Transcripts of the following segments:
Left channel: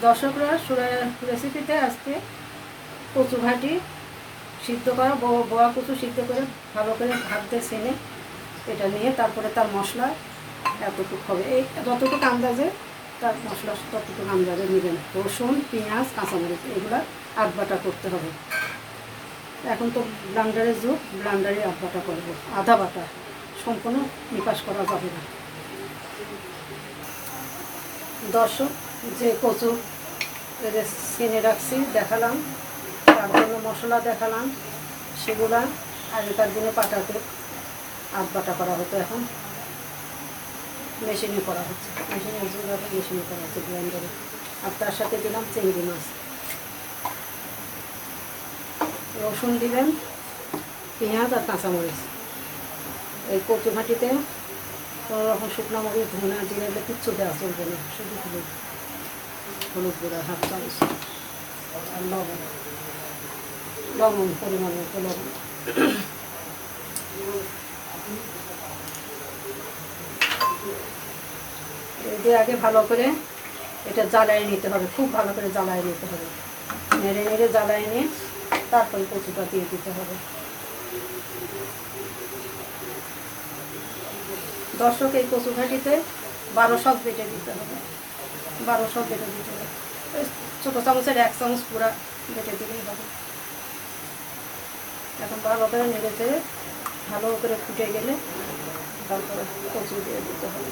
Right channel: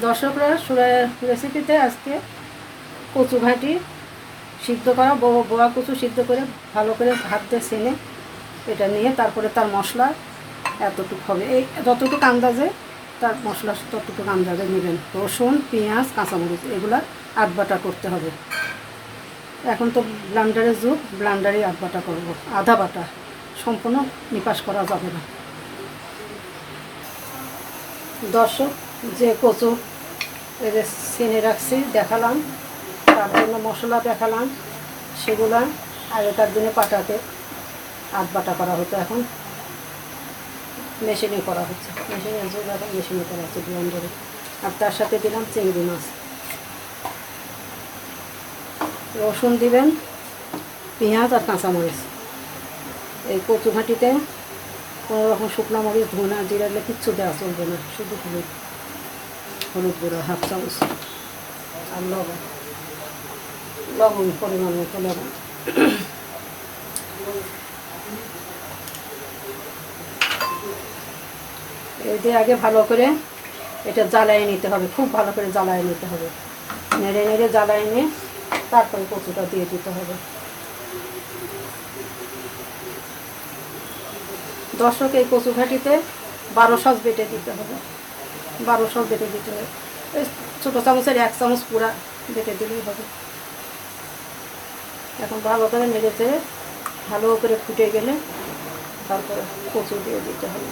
দর্শকরা রেসিপিতে আজকে কচু ঘাঁটি সিদ্ধ করা, বোয়া কচু সিদ্ধ করে ভালো করে হাত দিয়ে ছেনে এটা নিয়ে তারপরে তার মশলা এতটুকু হবে, এই যতটুকু আন্দাজে তার মশলা ততটুকু আন্দাজে নেবেন। রসুন, পেঁয়াজ, কাঁচামরিচ এগুলো আধ বাটা করতে হবে। এখন তো ব্লান্ডারের যুগ, ব্লান্ডারে আধ বাটা করব, আধা বাটা, সম্পূর্ণ নিপাস করা যাবে না। দর্শক, যে কচু এদের ছেনে রাখছি দেখালাম, তার জন্য মশলা দেখালাম, সেগুলা আগেকার দিনে পাটাতে আধ বাটা করা হতো, এখন মেশিনে করা হচ্ছে, মেশিনে করা হচ্ছে ব্লেন্ডারে। আর তার সাথে দিলাম চিংড়ি মাছ, রসুন দিবেন, পেঁয়াজ আর কাঁচামরিচ। এই কচু ঘাঁটিতে কোনো রকম শুকনো মরিচ, ধনা, জিরা দিলে কিচ্ছু দেওয়া চলবে না, শুধু হলুদ গুঁড়ো হাফ চামচ আর লবণ পরিমাণ মতো লবণ। এই দিয়ে আগে ভালো করে এটা জ্বালায় নিতে হবে, খুব ভালো করে জ্বালায় নিতে হবে, নেড়ে নেড়ে জ্বালায় নিয়ে তারপরে কচুটা দিয়ে দিতে হবে। দর্শক, এই কচু ঘাঁটিতে 12 সস বেটে দিতে হবে, 12 সস বেটে দিতে হবে। এই ছোটো চামচের 1 চামচ পুরা বেটে দিলেই হবে। এখন ভালো করে নেড়ে চেড়ে ভালো করে ফুটে গেলে তারপরে কচু দিয়ে দিতে হবে।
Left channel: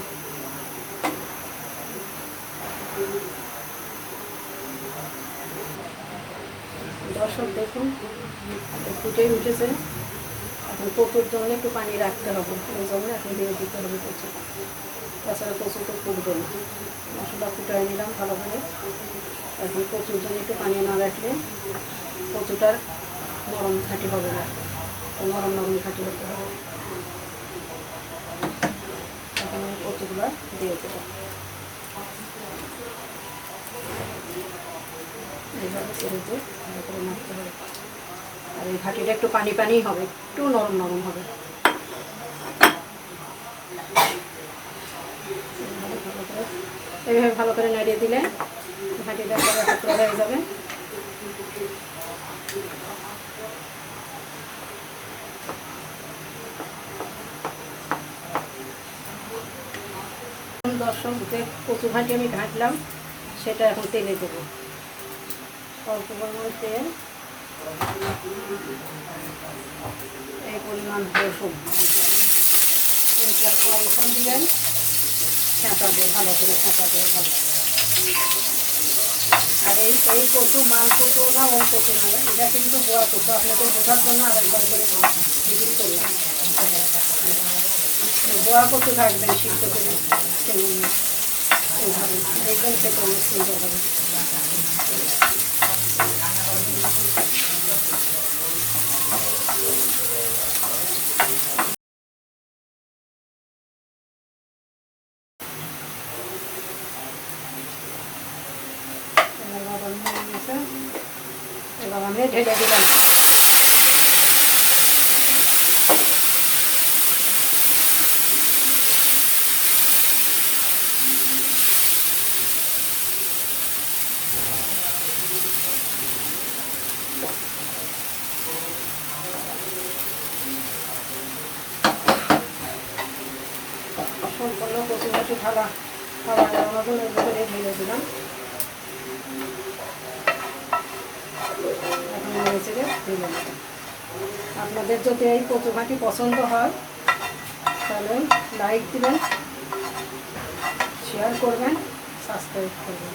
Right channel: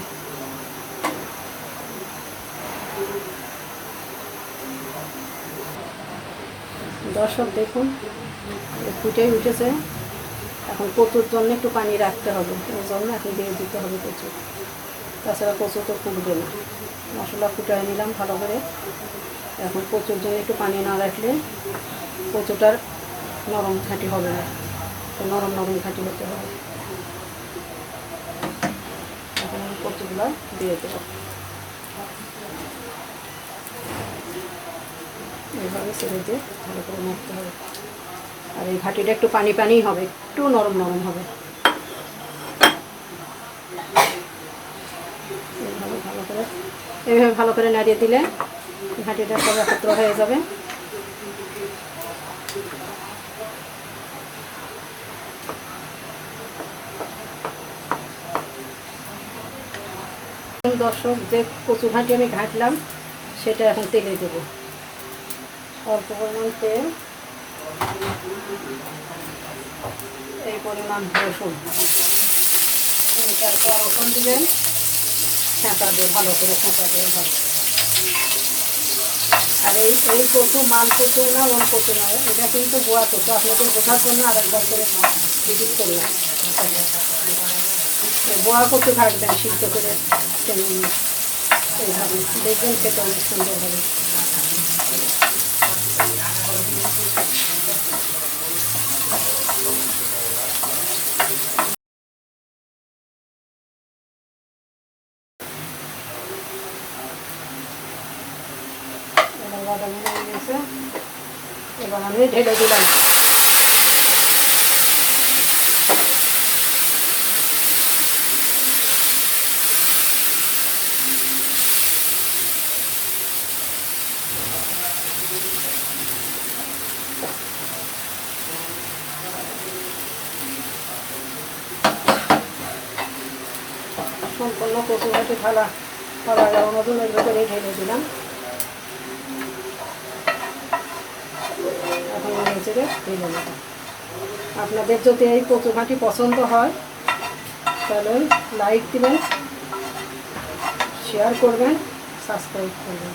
দর্শক দেখুন, ফুটে উঠেছে। এখন কচুর জন্য একটু পানি রাখতে হবে, ওই জন্য এখন দিয়ে দিতে হবে কচু, তাছাড়া কচু তো ফুটবে না। মশলা ফুটাই নিলাম ভালো করে। এখন কচুর জন্য একটু পানি না রাখলে কচুটার নরম ঘাঁটি হবে না, নরম নরম ঘাঁটি হতে হবে। এখন কচুগুলো দিয়ে দেবো, এইভাবে ছেড়ে দিয়ে ভালো করে মারতে হবে। আর এই ঘাঁটিটা একটু পানি পানি হবে, একটু নরম নরম হবে। এইভাবে ভালো করে নাড়িয়ে দিলে ঘাঁটিটা সব একত্র হয়ে যাবে। দর্শক, যে কচু ঘাঁটি আমি ঘাঁটলাম সেটা এখন তেলে দেবো। অল্প পরিমাণ তেল, এই পরিমাণ রসুন, তারপর রসুন দিবেন, ছেঁচা দিয়ে ভালো করে ছেঁচা দিয়ে ভালো। আর এই কচু মাল কচু না, ওল কচু না, এটা কিন্তু বোয়া কচু। আপনাদের বোঝার জন্য আরেকবার করে রিপিট করলাম, বোয়া কচু ঘাটবেন সিদ্ধ করে, দেখবেন খেতে অনেক সুন্দর হবে। এবার আমি ঢেলে দিলাম। সম্পূর্ণ কচু ঘাঁটি থালা অনধনের ভেতরে ঢেলে দিলাম। এখন নিচে ঢেলে নেব। আপনাদের যদি এই কচু ঘাঁটি পছন্দ হয় তাহলে লাইক দিবেন, শেয়ার করবেন, সাবস্ক্রাইব করবেন।